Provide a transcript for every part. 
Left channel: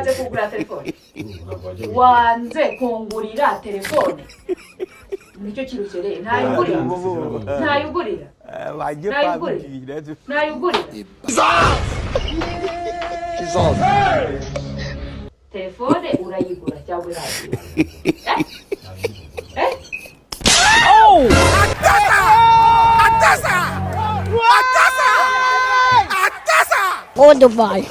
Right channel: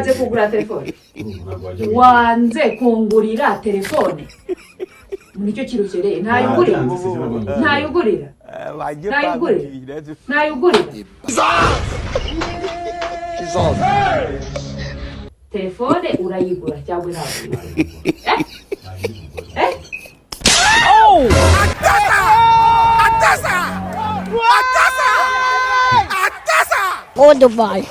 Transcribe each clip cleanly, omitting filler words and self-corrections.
wanze kugura telefone wanze kungurira telefone nicyo kirusereye ntayugurira telefone urayigura cyangwa urayigura Oh! Oh, Dubai.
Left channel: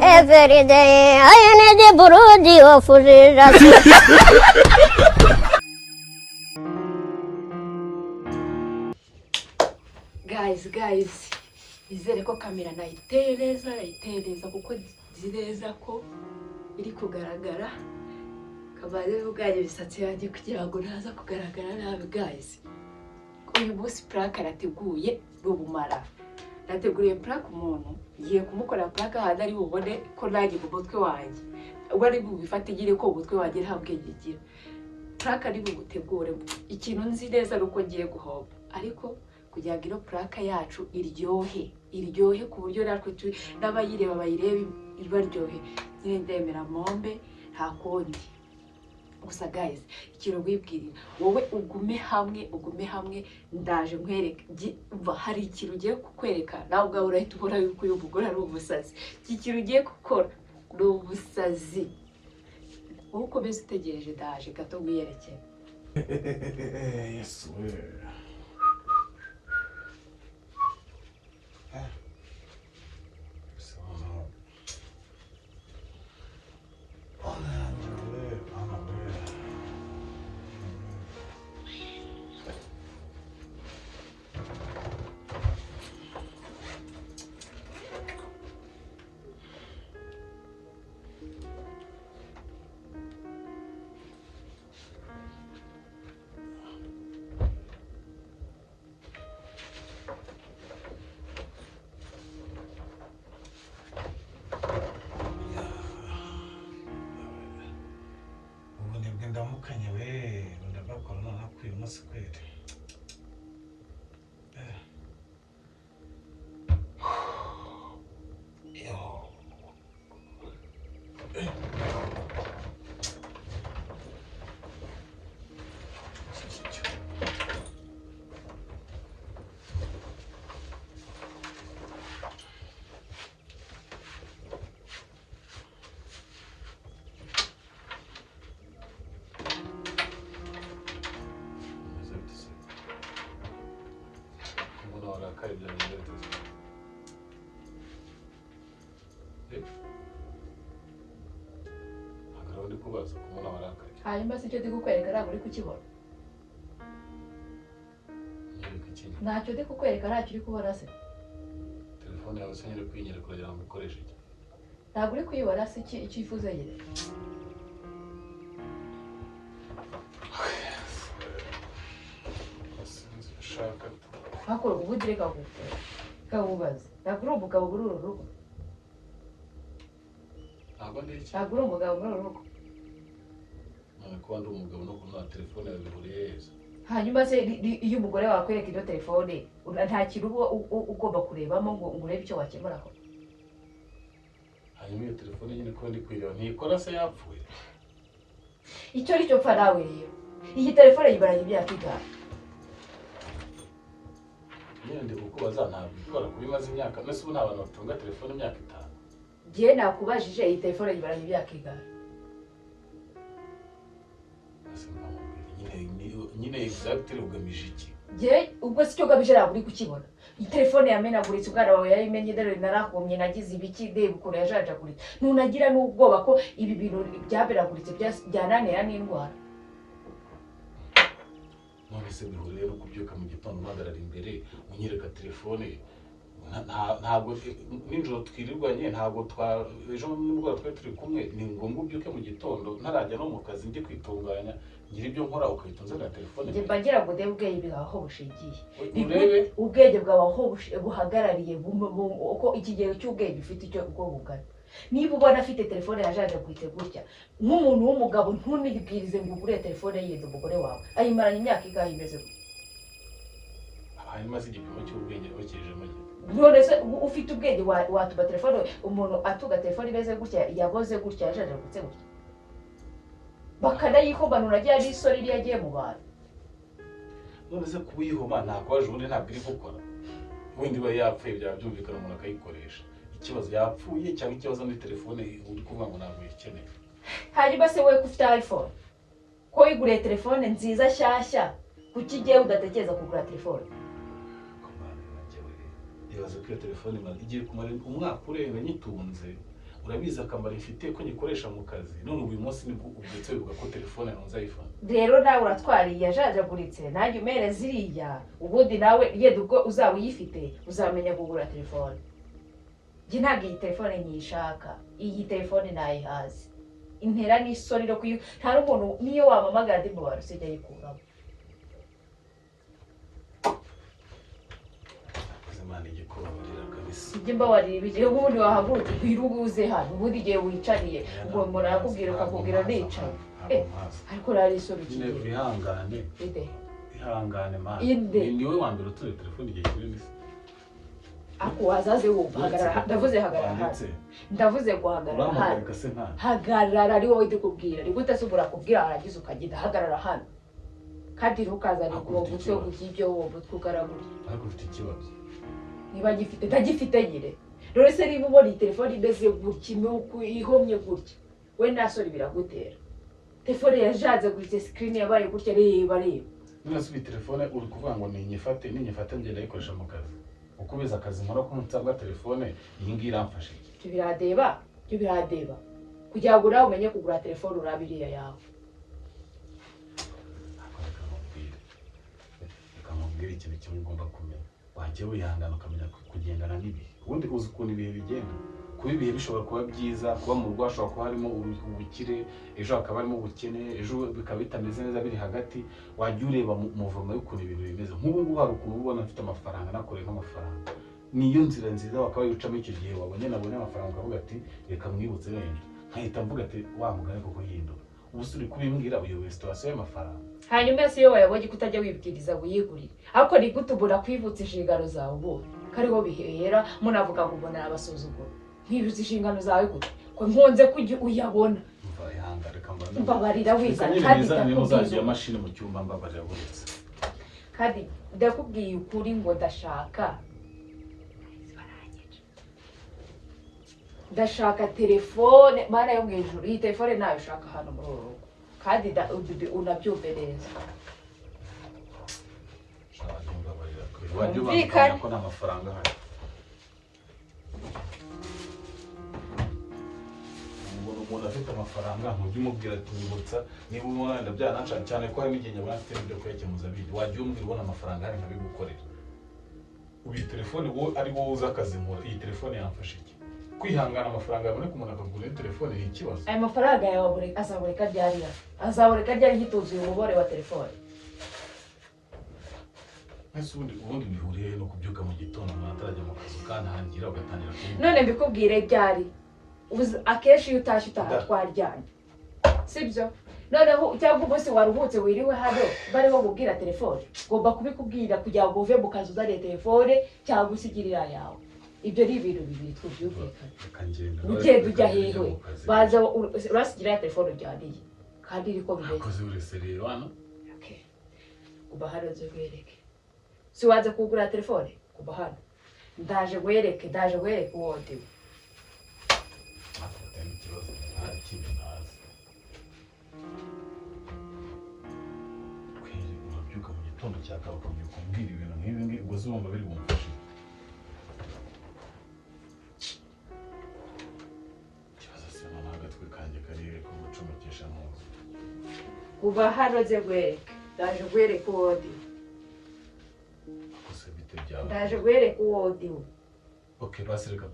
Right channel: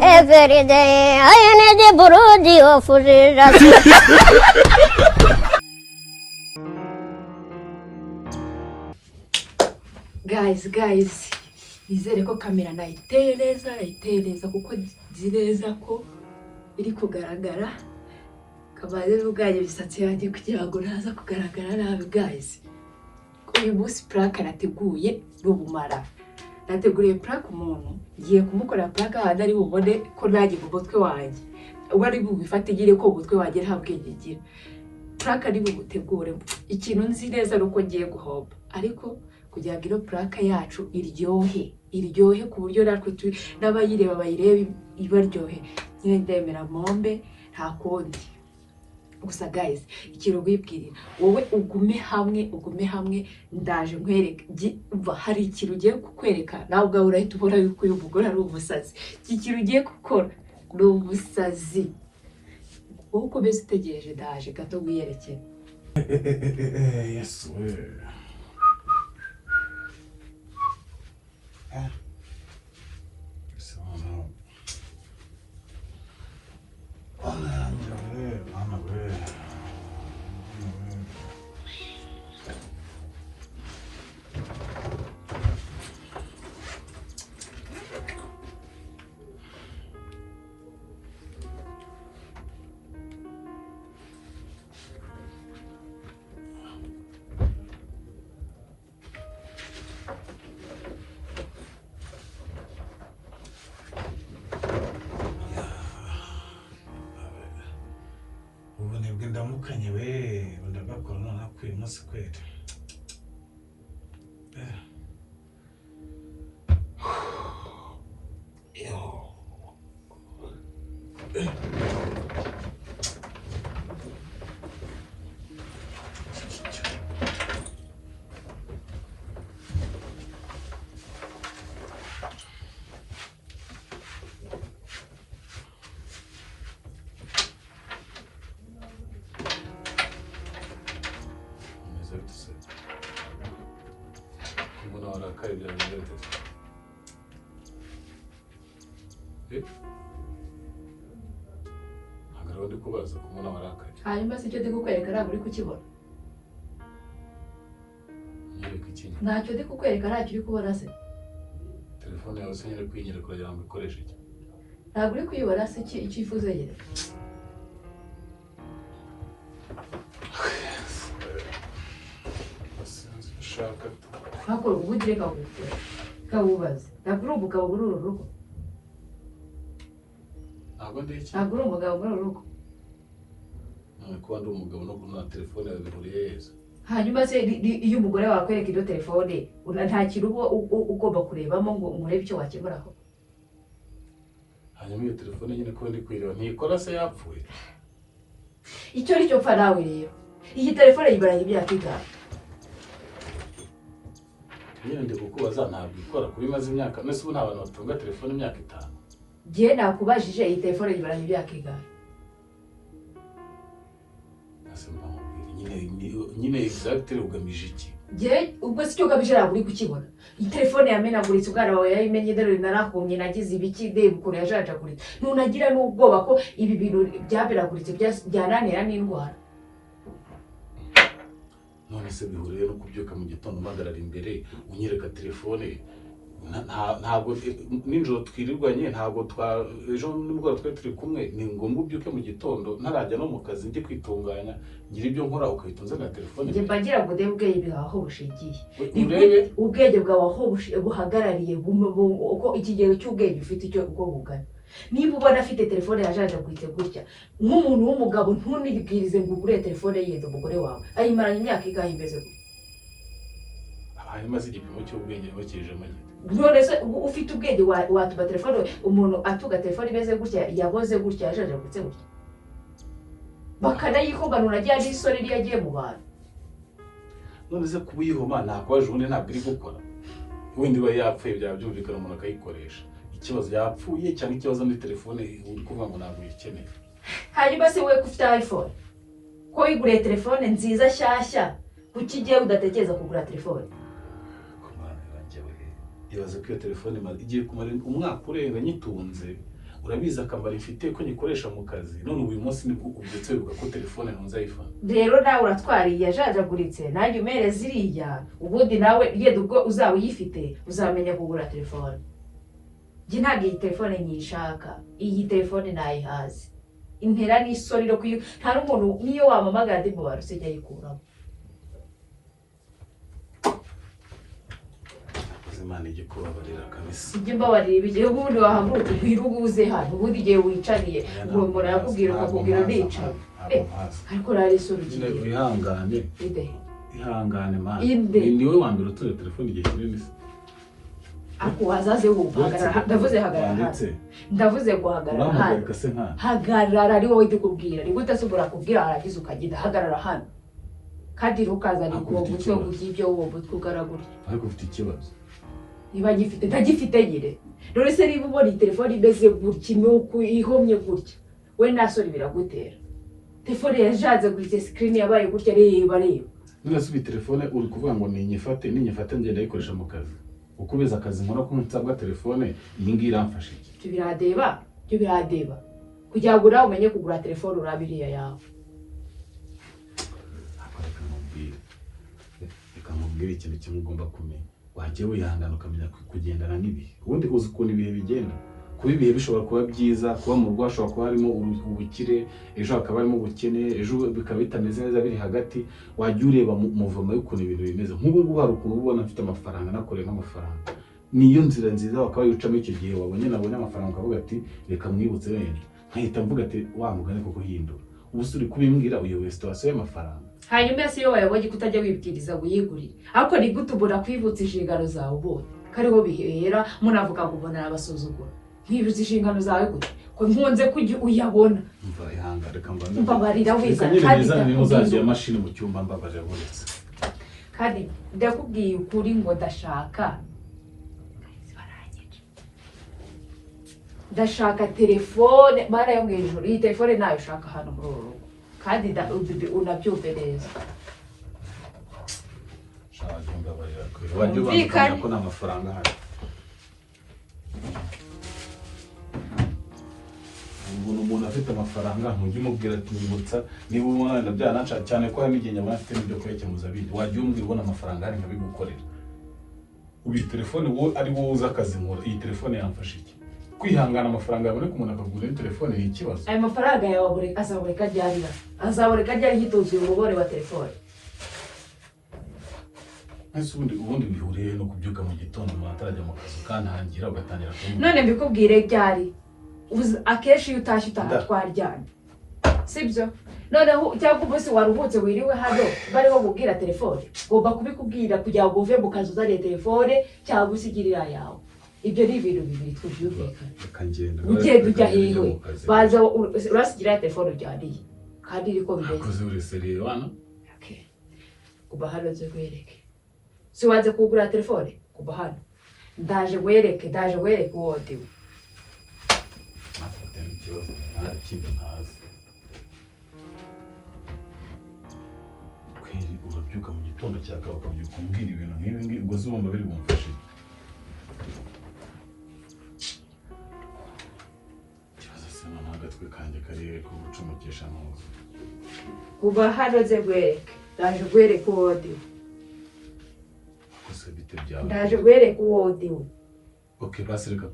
Every day I need a brody of guys nizere ko kamera nayitereza kuko nzireza ko iri kugaragara kabaze ubwaje bisatsi yanjye kugira ngo naza kugaragara nabi guys. Uyu munsi plaka nateguye rubumara nateguriye plaka umuntu ngiye kumukora plaka handi ari bubone ko naje mu mutwe wanjye ubwo ari bubifatigire ko umutwe wanjye nta bwenge gira plaka ari bugutegure ikintu nzi neza nuko ngiye guhoba ariko kugira ngo ino plaka yacu iryohe ku buryo natwe n'abayireba bayirebe ibaryohe nyine ndemera mombe nta kundi gusa guys ikintu gwibwirira wowe ugume hamwe ndaje nkwereke hari ikintu ugiye kukwereka nawe ubwawe urahita ubona yuko uyu mugore ari umusazi iki kintu ugiye gukora ni umusazi wowe ukomeze utegereje ndaje gato wiyerekeye Yes we ndamukanye we ndabakora none kwiye umunsi kwete Agarodi kubaza kumona marakaje. Hanyuma se cyo ndikukwereka ntabwo uri kukibona. Ntacyo ndikukwereka ntacyo uri kubona se. Telefone yawe se nyine kwinyere kugira ngo ikoreshe iki. Ntabwo uri kuyibona se icyifuzo nyine. Shaka. Hako ubudire kawubaze. Ntabwo uri umugabo muri uru rugo. Ntabwo uri umugabo muri uru rugo. Kuba ndi umugabo no kuna telefone yawe bihuriye heza. Hanyuma se iyo umugore wawe akwereka iyo telefone nta kintu ugomba kurebamo ngo umurebe icyo wakemuraho. Hanyuma iyo telefone nyine ko ndi kwireba ntikora se yapfuye. Icyo ari cyo pfa nawe rero. Iyi telefone yibaranye imyaka igana. Ndi kukubaza ntabwo ikora kuri maze imyaka nese ubu nta bantu batunga telefone imyaka 5. Giye nakubajije iyi telefone yibaranye imyaka igana. Nyine exactly ugamije iki? Giye ubwo si cyo ugamije ntabwo uri kukibona. Iyi telefone yamenaguritse ubwana wawe yayimenye dore narakumye nagize ibiki debe ukore yajajaguritse. Nunagira n'ubwoba ko ibi bintu byaberaguritse byananira n'indwara. None se bihuriye no kubyuka mu gitondo magarara imbere unyereka telefone ntabwo ninjoro twirirwanye ntabwo ejo nibwo twe turi kumwe ni ngombwa ubyuke mu gitondo ntarajya no mu kazi njye kwitunganya ngira ibyo nkora ukayitunze na telefone njye bagira ngo ndebe ubwenge bwaho bushigiye ubwenge bwawe aho buhagarariye uko ikigero cy'ubwenge ufite icyo uko bugana niba ubona afite telefone yajaje kwite gutya nk'umuntu w'umugabo ntunibwirize ngo ugure telefone yenda umugore wawe ayimaranye imyaka igahe imeze hanyuma se igipimo cy'ubwenge bakije make none se ufite ubwenge watuba telefone umuntu atuga telefone imeze gutya yaboze gutya yajaje gutse gutya bakanayikombanura ajya n'isore iri yagiye mu bantu none se kuba uyihoma ntabwo waje ubundi ntabwo iri gukora wenda iba yapfuye byaba byumvikana umuntu akayikoresha ikibazo yapfuye cyangwa ikibazo muri telefone uri kuvuga ngo ntabwo uyikeneye hanyuma se wowe ko ufite iPhone ko wiguriye telefone nziza nshyashya kuki igiye udatekereza kugura telefone ibaze ko iyo telefone igiye kumara umwaka urenga nyitunze urabizi akamaro ifite ko nyikoresha mu kazi none uyu munsi ni ubyutse wibuka ko telefone ntunze iPhone rero nawe uratwariye yajajaguritse nanjye umere ziriya ubundi nawe yenda ubwo uzaba uyifite uzamenya kugura telefone njye ntabwo iyi telefone nyishaka iyi telefone nayihaze intera n'isori ryo kuyu nta n'umuntu niyo wamamagara ndi mu bantu sijya yikuramo Imana ijye kubabarira kabisa ijye mbabarira ibigihe ubundi wahagurutse uhiruguze hano ubundi igihe wicariye ngo umuntu arakubwira ukakubwira ndicaye ariko rero isura ukigira ihangane ihangane mana niwe wa mbere utuye telefone igihe kinini se ako wazaze wumva ndavuze hagarara ndavuze guhagarara hano hagarara ari wowe ndikubwira ni gute se urakubwira aragize ukagenda hagarara hano kandi ntukazane uwo mutwe ugibyo uwo mutwe ugaragura ariko ufite ikibazo niba gifite ndagifite nyine none se niba ubona iyi telefone imeze gutya nuko ihomye gutya we nasore biragutera telefone yajaze guritse screen yabaye gutya reba none se iyi telefone uri kuvuga ngo ninyifate ngenda ayikoresha mu kazi uko ubeza akazi nkora ko nsabwa telefone iyi ngiyi iramfasha iki byo biradeba kugira ngo nawe umenye kugura telefone urabiriya yawe reka nkubwire ikintu kimwe ugomba kumenya wajya wihangana ukamenya kugendana n'ibihe ubundi uzi ukuntu ibihe bigenda kuba ibihe bishobora kuba byiza kuba mu rugo hashobora kuba harimo ubukire ejo hakaba harimo ubukene ejo bikaba bitameze neza biri hagati wajya ureba muvoma y'ukuntu ibintu bimeze nk'ubu ngubu hari ukuntu ubona mfite amafaranga nakoreye n'amafaranga niyo nzira nziza wakaba yucamo icyo gihe wabonye nabonye amafaranga ukavuga ati reka mwibutse wenda nkahita mvuga ati wa mugani koko hindura ubu uri kubimbwira uyoboye situwasiyo y'amafaranga hanyuma se iyo wayabonye kutajya wibwiriza wiyigurire ariko ni gute ubona kwibutsa inshingano zawe ubonye kariho bihera munavuga ngo ubona abasuzugura kwibutsa inshingano zawe gute ko nkunze kujya uyabona mva ihanga reka mbabarira wiga kandi ndakubwiye mashini mu cyumba mbabarira buretse kandi ndakubwiye ukuri ngo ndashaka telefone mara yo mwijuru iyi telefone nayo ushaka hano muri uru rugo kandi unabyumve neza shaka mbabarira wajya ko n'amafaranga hari umuntu afite amafaranga ntujye umubwira ati wibutsa niba ubona byanaca cyane ko hari n'igihe nyamara afite n'ibyo kwekemuza bindi wajya umubwira ubona amafaranga hari nkabigukorera ubu iyi telefone ari wowe uzi akazi nkora iyi telefone yamfasha iki kwihangana amafaranga yaboneka umuntu akagura iyi telefone ni ikibazo ayo mafaranga yawe azaboreka ryari hituzuye umubare wa telefone ese ubundi bihuriye no kubyuka mu gitondo umuntu atarajya mu kazi ukantangira ugatangira kumubwira none mbikubwire ryari akenshi iyo utashye twaryamye sibyo noneho cyangwa umunsi waruhutse wiriwe hano bariho kubwira telefone ugomba kubikubwira kugira ngo uve mu kazi uzane telefone cyangwa usigirira yawe ibyo ni ibintu bibiri twumvikana ugenda ujya hiwe baza urasigira telefone ujyaniye kandi iriko bimeze kuba hano nze wereke si waze kugura telefone kuba hano ndaje wereke uwo ndiwe kweri urabyuka mu gitondo cyakaba ukabyuka umbwira ibintu nk'ibi ngibi ubwo zumva biri bumfashe ikibazo se none agatwe kanjye kariye ko gucumukisha ntuzi kuba hano nze wereke ndaje wereke uwo ndiwe gusa bite byawe ndaje wereke uwo ndiwe okay basi reka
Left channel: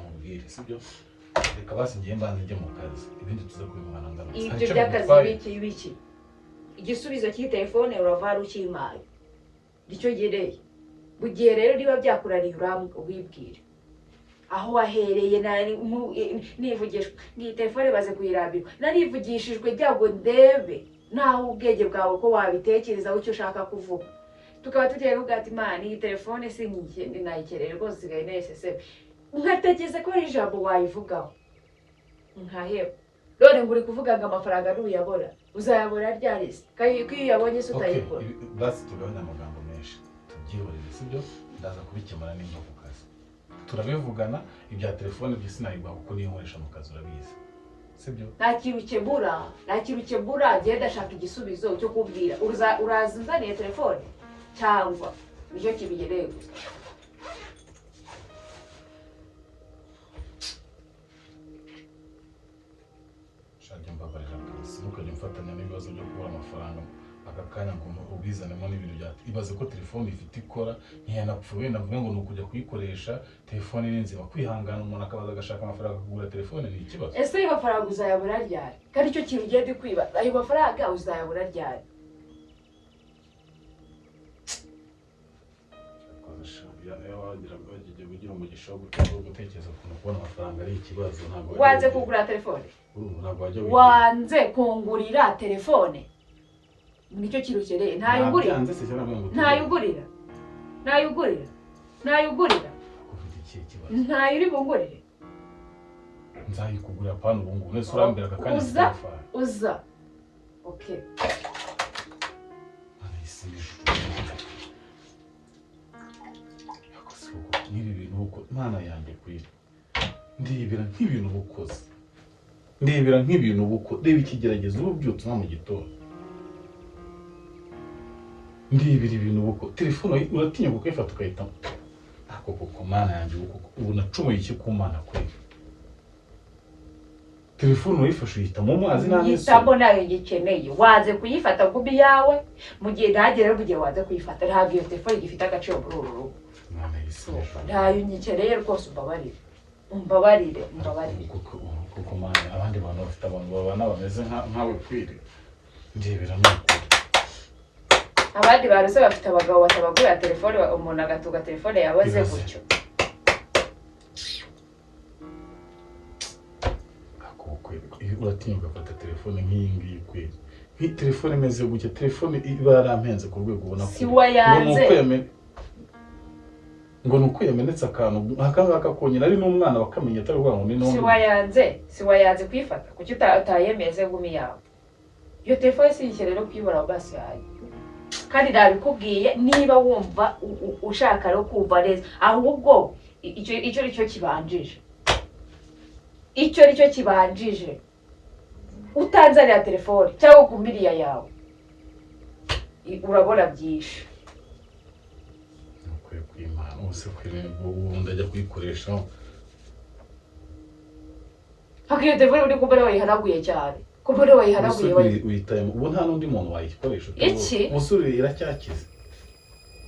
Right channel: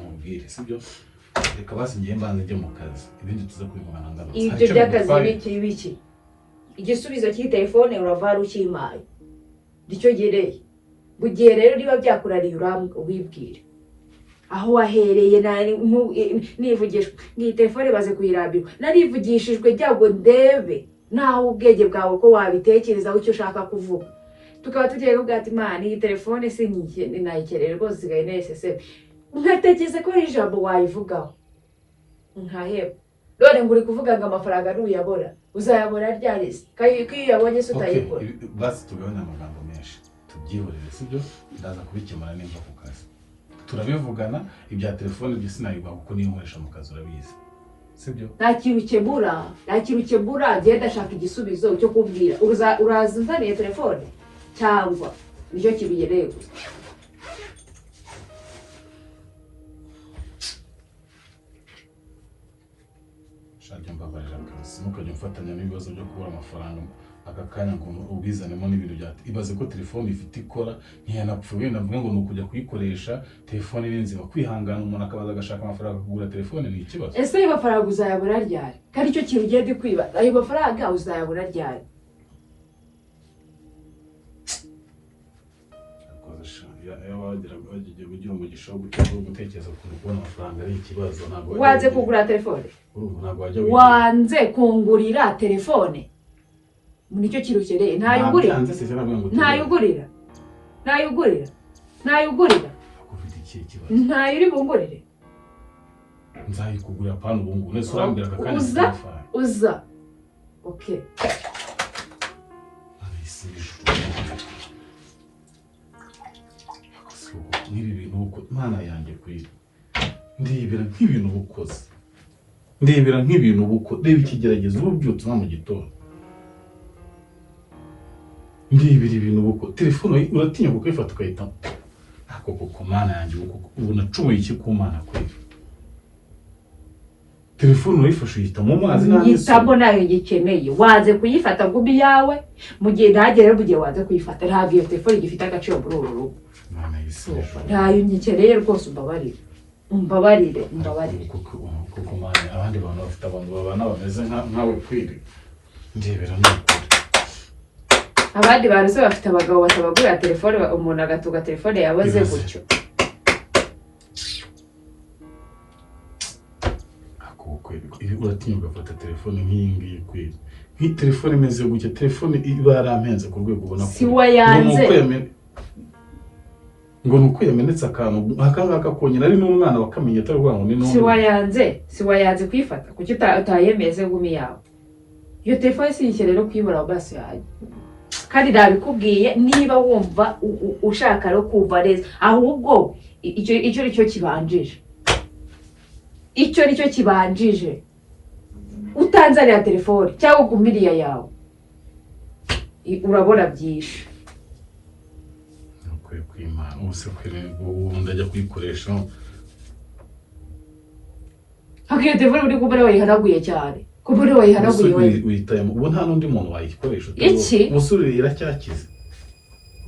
nkubwire sibyo reka basi ngiye mbanze njye mu kazi ibindi tuza kubibona ngarutse ibyo by'akazi biki igisubizo cy'i telefone uravara ukimaye nicyo gereye bugiye rero niba byakurariye wibwire aho wahereye nivugishwe ngiyi telefone baze kuyirambirwa narivugishijwe byago ndebe naho ubwenge bwawe ko wabitekerezaho icyo ushaka kuvuga tukaba tugiye kuvuga ati mani iyi telefone se nayikeneye rwose isigaye neseseme nkatekereza ko ari ijambo wayivugaho nkaheba none ngo uri kuvuga ngo amafaranga ntuyabona uzayabona ryari se ko iyo uyabonye se utayikora basi tugabanya amagambo menshi tubyihorere sibyo ndaza kubikemura neza ku kazi turabivugana ibya telefone byo sinayigwa kuko niyo nkoresha mu kazi urabizi sibyo nta kintu ukemura genda ashaka igisubizo cyo kubwira uraza unzaniye telefone cyangwa nicyo kibigereye gusa shaka mbabarira polisi ntukajya mfatanya n'ibibazo byo kubura amafaranga aka kanya ngo ubizanemo n'ibintu bya ibaze ko telefone ifite ikora ntiyanapfuye navuga ngo ni ukujya kuyikoresha telefone ni nzima kwihangana umuntu akabaza agashaka amafaranga kugura telefone ni ikibazo ese ayo mafaranga uzayabura ryari kandi icyo kintu ugiye dukwiba ayo mafaranga uzayabura ryari wagiye ugira umugisha wo gutekereza ukuntu kubona amafaranga ari ikibazo ntabwo wanze kugura telefone wanze kungurira telefone nicyo kirukereye ntayugurira ntayo uri bungurire nzayikugurira pana ubungu nese urambwira aka kanya uza okay n'ibi bintu uko mana yanjye kuri ndibera nk'ibintu ubukoze ndebera nk'ibintu ubuko reba ikigeragezo ubyutse mu gitondo ndibera ibintu ubuko telefone uratinya kuyifata ukayita ako koko mana yanjye ubu nacumuye iki ku mana kuri telefone urayifashe uyita mu mazi yitamo nayo gikeneye waze kuyifata gubi yawe mu gihe ntagere bugiye waze kuyifata ntabwo iyo telefone gifite agaciro muri uru rugo ntayo nyikeneye rwose umbabarire kuko mwana abandi bantu bafite abantu babana bameze nkawe kwiri ndebera n'ukuri abandi bantu se bafite abagabo batabagurira telefone umuntu agatuga telefone yaboze gutyo uratinya ugafata telefone nk'iyi ngiyi kwiri nk'iyi telefone imeze gutya telefone iba yarampenze ku rwego ubona ko si wayanze ngo nuko yamenetse akantu akangaka konyine ari n'umwana wakamenye atari rwango ni si wayanze kwifata kuki utayemeze gumi yawe iyo telefone si ikenero kwibora basi yayo kandi nabikubwiye niba wumva ushaka no kumva neza ahubwo icyo nicyo kibanjije utanzanira telefone cyangwa ugumiriya yawe urabona byinshi kwimana ubuse kwirembo ndajya kuyikoresha hakiyo telefone uri kubona wayihanaguye cyane kubona wayihanaguye uyitayemo ubu nta n'undi muntu wayikoresha iki umusore iracyakize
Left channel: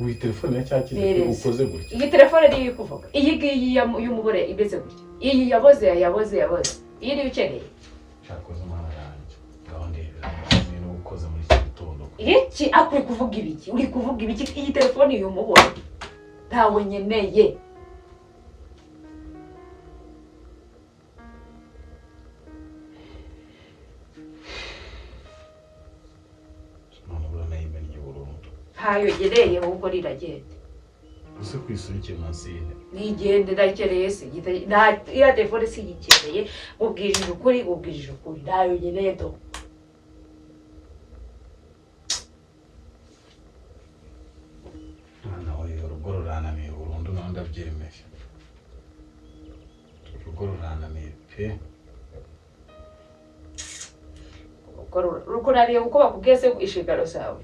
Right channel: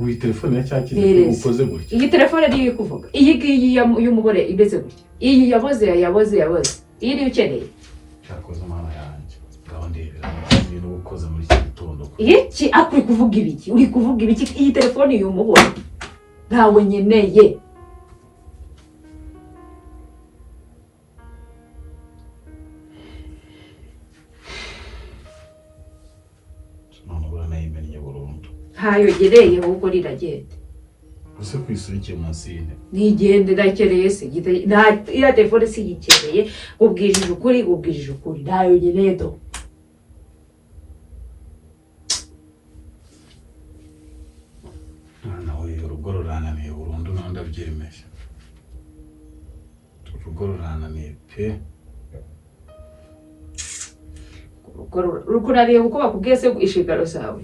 ubu telefone iracyakize ukoze gutya iyi telefone niyo kuvuga iyi ngiyi y'umugore imeze gutya iyi yaboze iyi niyo ukeneye cyakoze umwana yanjye ngaho ndebera ibintu ukoze muri iki gitondo iki akuri kuvuga ibiki iyi telefone y'umugore ntawe nyeneye ntayo gereye ahubwo riragenda use kwisubikiye munsi y'intebe nigende ndakereye se iya telefone si yikereye ubwirije ukuri ntayo nyeneye do nawe urugo rurananiye burundu ndabyemeye urugo rurananiye pe rukunaniye kuko bakubwiye se inshingano zawe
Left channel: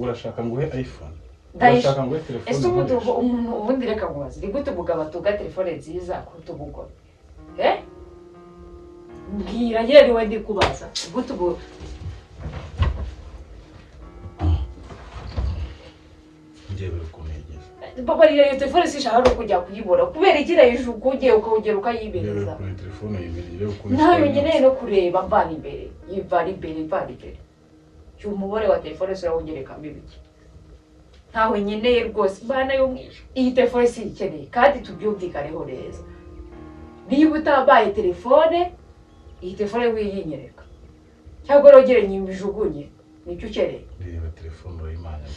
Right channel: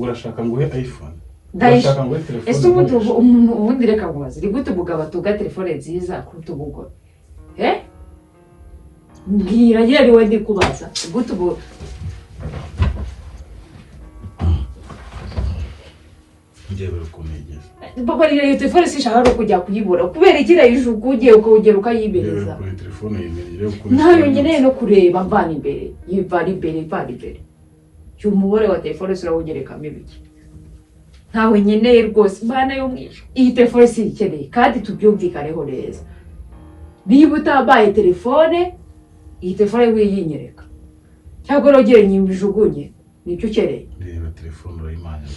urashaka nguhe iPhone urashaka nguhe telefone ese ubundi reka mubaze ni gute umugabo atuga telefone nziza kuruta umugore mbwira yeri we ndikubaza gute njyewe ukunegeza papa iyo telefone sishaka no kujya kuyibura kubera igira ijugu ugiye ukawugera ukayibereza kuri telefone yimereye ntayo ngeneye no kureba mvana imbere umubare wa telefone urawugerekamo ibiki ntawe nkeneye rwose mbana yo mwisho iyi telefone si ikeneye kandi tubyumvikaneho neza niba utambaye telefone iyi telefone wiyinyereka cyangwa rogere nyimbijugunye nicyo ukeneye. reba telefone urayimanya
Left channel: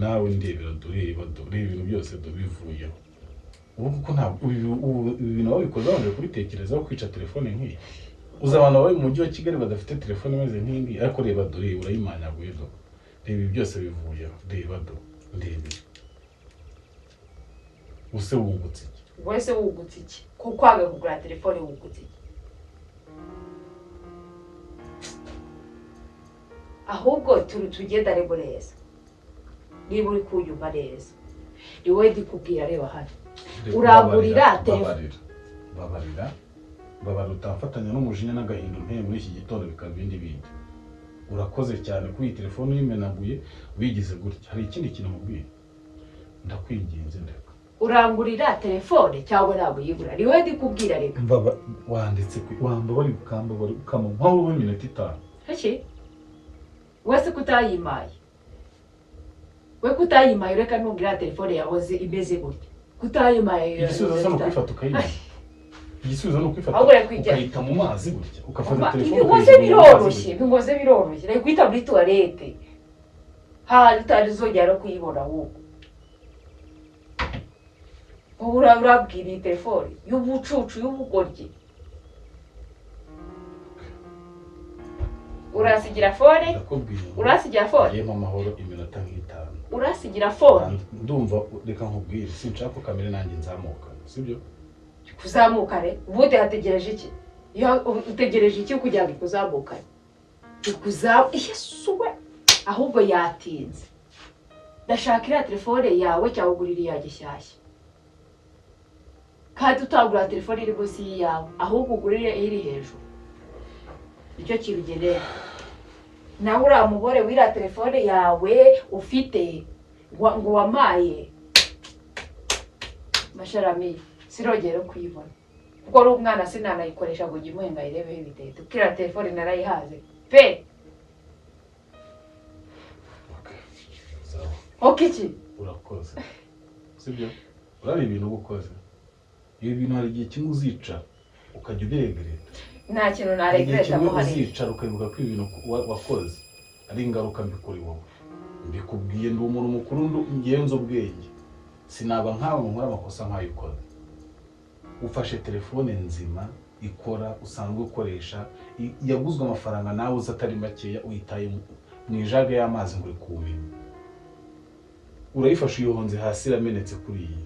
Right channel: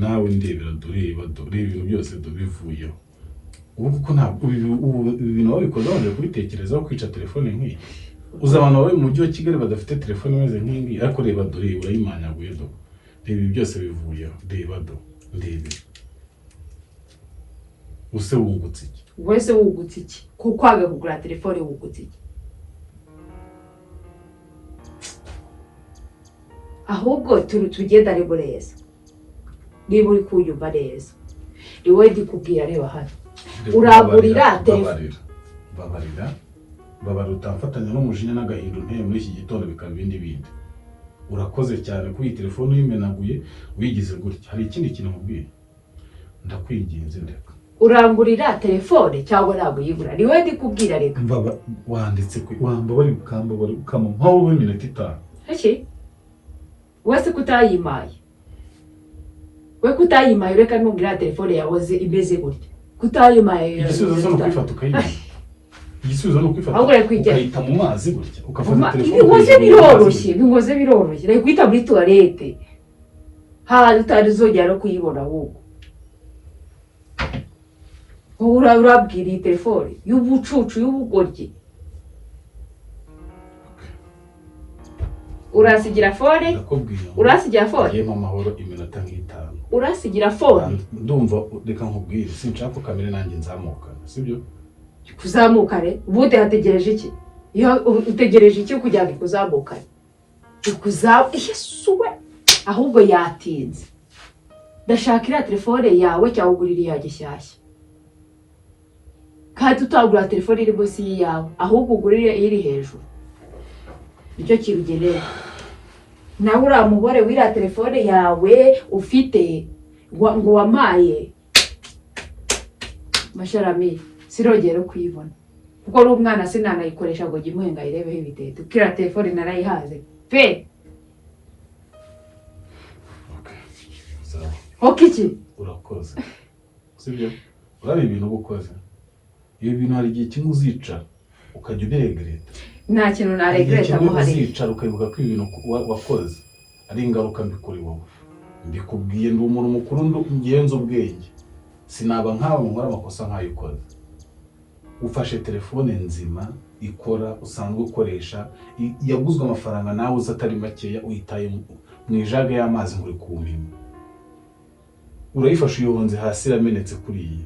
nawe ndebera dureba ibintu byose tubivuyeho ubu kuko ntabwo ibi bintu wabikoze wongeye kubitekerezaho kwica telefone nk'iyi uzi abantu bari mu mujyi wa Kigali badafite telefone imeze nk'ingi ariko reba dore urayimanyaguye do reba ibi byose bivuyeho reba do ndebe use wungutse iki wese wungutse iki kuko waga kugura telefone wungutse iki ahubwo tugendane bureza niba uri kunyumva neza ni wowe ndikubwira reba hano uragurira telefone babarira utamfatanya n'umujinya n'agahinda unteye muri iki gitondo bikaba ibindi bindi urakoze cyane kuri iyi telefone uyimenaguye wigize gutya hari ikindi kintu mubwira ndakwinginze ndeka urangurira telefone cyangwa ntabwo yigura ni wowe ndikubwira reka wanditse wamba bari ukamba bari ukama nkaho uri minota 5 haki wese kutayimaye we kutayimaye reka ntugira telefone yawe imeze gutya kutayimaye igisubizo no kwifata ukayima igisubizo no kwifata ukayita mu mazi gutya ukafata telefone bingoze biroroshye reka kwita muri toilette utazongera no kuyibona ahubwo urabwira iyi telefone y'ubucucu y'ubugoryi urasigira fone yema amahoro iminota nk'itanu urasigira fone ndumva reka nkubwire sinshaka kamere nanjye nzamuka sibyo kuzamukane ubude hategereje iki iyo utegereje iki kugira ngo kuzamukane Yesuwe ahubwo yatinze ndashaka iriya telefone yawe cyangwa ugurira iya gishyashya kandi utagura telefone iri munsi yawe ahubwo ugurire iri hejuru icyo kirugenera nawe uramubore wira telefone yawe ufite ngo wamaye masharami sirogero kuyibona kuko ari umwana sinanayikoresha ngo gimuhenga irebeho ibitete kira telefone narayihaze pe okiki urakoze sibyo urabi ibintu ubukoze iyo bintu hari igihe kimwe uzica ukajya uderegreta nta kintu naregreta ngo hari uzicara ukayibuka ko ibintu wakoze ari ingaruka mbi kuri wowe mbikubwiye ndi umuntu mukuru ngenza ubwenge sinaba nkawe nkora amakosa nk'ayikoze ufashe telefone nzima ikora usanzwe ukoresha yaguzwe amafaranga nawe uza atari makeya uyitaye mu ijaga y'amazi ngo uri kumenya urayifashe uyobonze hasi iramenetse kuri iyi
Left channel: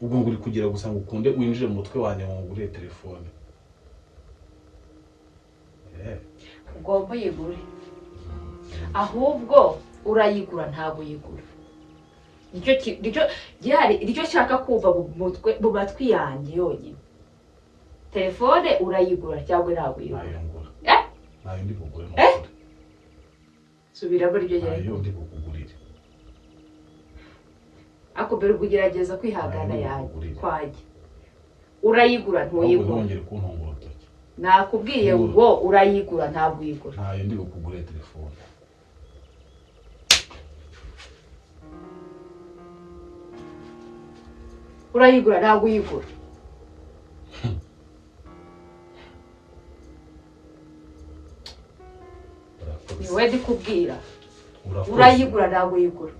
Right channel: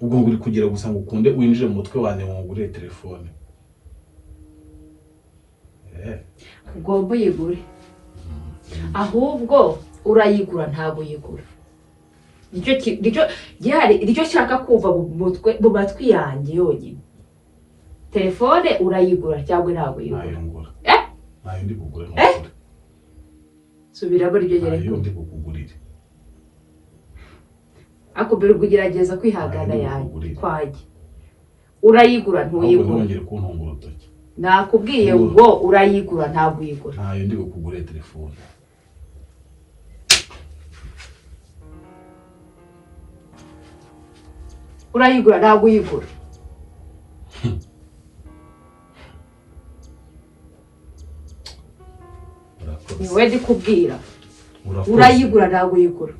ubwo ngo uri kugira gusa ngo ukunde winjire mu mutwe wanjye ngo ngure telefone ugomba uyigure ahubwo urayigura ntabwo uyigura nicyo nshaka kumva mu matwi yanjye yonyine telefone urayigura cyangwa ntabwo uyigura ntayo ndi kugura amakuru subiramo ibyo nyine ntayo ndi kukugurira ako mbere ugerageza kwihangana yanjye kwanjye urayigura ntuyigura ntongere kuntunga urutoki nakubwiye ngo urayigura ntabwo uyigura ntayo ndi kukugurira telefone urayigura ntabwo uyigura ni wowe ndikubwira urayigura ntabwo uyigura